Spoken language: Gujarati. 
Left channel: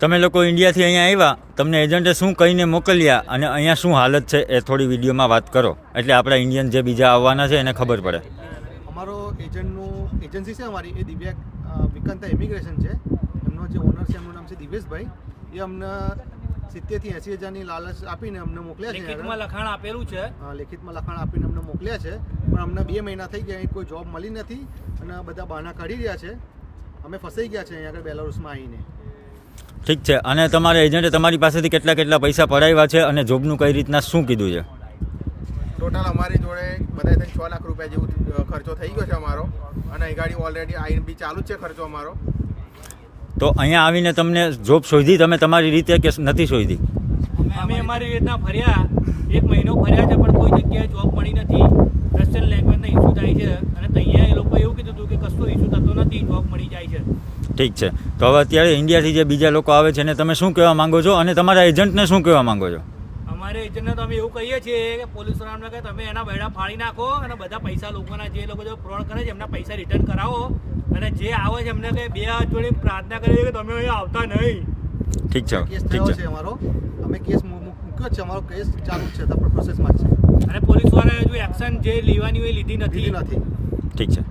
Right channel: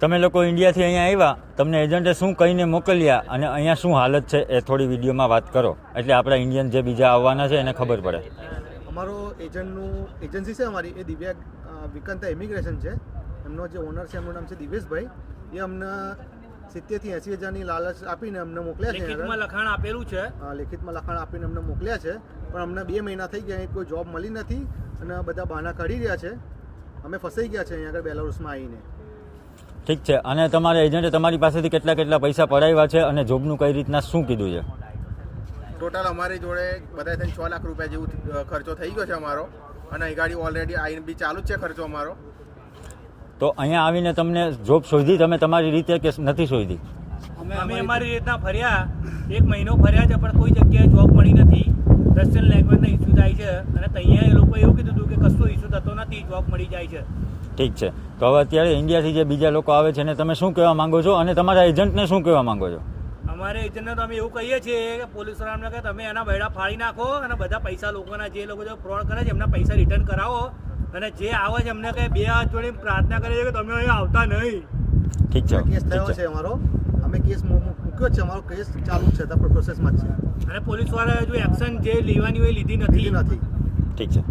તમે લોકો ઇન્ડિયાથી અહીંયા આવ્યા, તમને એજન્ટે શું કહીને મોકલ્યા અને અહીંયા શું હાલત છે એ થોડી વિડીયોમાં વાત કરો, એટલે આપણા ઇન્ડિયન જે બીજા આવવાના છે એને ખબર પડે. અમારો એજન્સી છે અમારી, એ દિવ્યા વિકંતા ઇમિગ્રેશન છે. એમનો જે ઓનર છે એમનું નામ છે દિવેશભાઈ. એ અમને 70 થી 80 હજારની લાલચ આપીને અમને મોકલ્યા છે. લેખિતમાં લખાણ આપેલું છે. લેખિતમાં લખાણ આપીને અમને મોકલ્યા છે, પણ અમને 2 મહિના થઈ ગયા, કોઈ જોબ મળી નથી અને બધા બહાના કાઢી રહ્યા છે. અમે ફસાઈ ગયા છે અહીંયા આગળ બેલારુસમાં આવીને. ઠીક છે. અને તમારા એજન્ટે તમારી પાસેથી કેટલા પૈસા પડાવ્યા છે અને જોબનું કઈ રીતના શું કીધું છે? ટોટલ અમારી જોડે બધા થઈને 6 લાખ રૂપિયા જેવું ખર્ચો થઈ ગયો છે અમારો, અને અહીં ગાડી ઓલરેડી આવીને બી ચાલુ જ છે ખર્ચો અમારો. તો અહીંયા આવીને તમને જોબ શોધી તમે તમારી રીતે કે નથી શોધી? અમે અમારી રીતના ફર્યા, 1 મહિનો ફર્યા છે, પણ કોઈ જગ્યાએ જોબ મળી નથી. રશિયન લેંગ્વેજનો ઇસ્યુ થાય છે, અને ત્યાં એ લોકો એવું કીધું હતું કે કશો ઇસ્યુ થતો નથી, જોબ મળી જાય છે. ઠીક છે. તો હવે અત્યારે ઇન્ડિયાથી જે બીજા લોકો આવે છે એને તમે શું કહેવા માંગો છો, અને તમારા એજન્ટને શું કહેવા માંગો છો? અમારે એજન્ટને તો અમે એવું કહીએ છીએ કે પોલીસવાળાને કે તમે એના બૈડા ફાડી નાખો અને બધા પૈસા લોકોના જે લોકો જો ફ્રોડ કરે છે એમના પૈસા રિટર્ન કરાવો, અને જે આવે છે એમને કે 2 હાથ જોડીને પ્રાર્થના કરીએ કે તમે અહીં આવતા નહીં. ઠીક છે. કેસ થયો છે અમારો, અમે કેસ મૂક્યો છે, અમારો કેસ ચાલુ જ છે, પ્રોસેસમાં જ છે, અને પોલીસવાળાએ હજુ એક્શન જે લેવાની હોય લીધી નથી. ઠીક છે.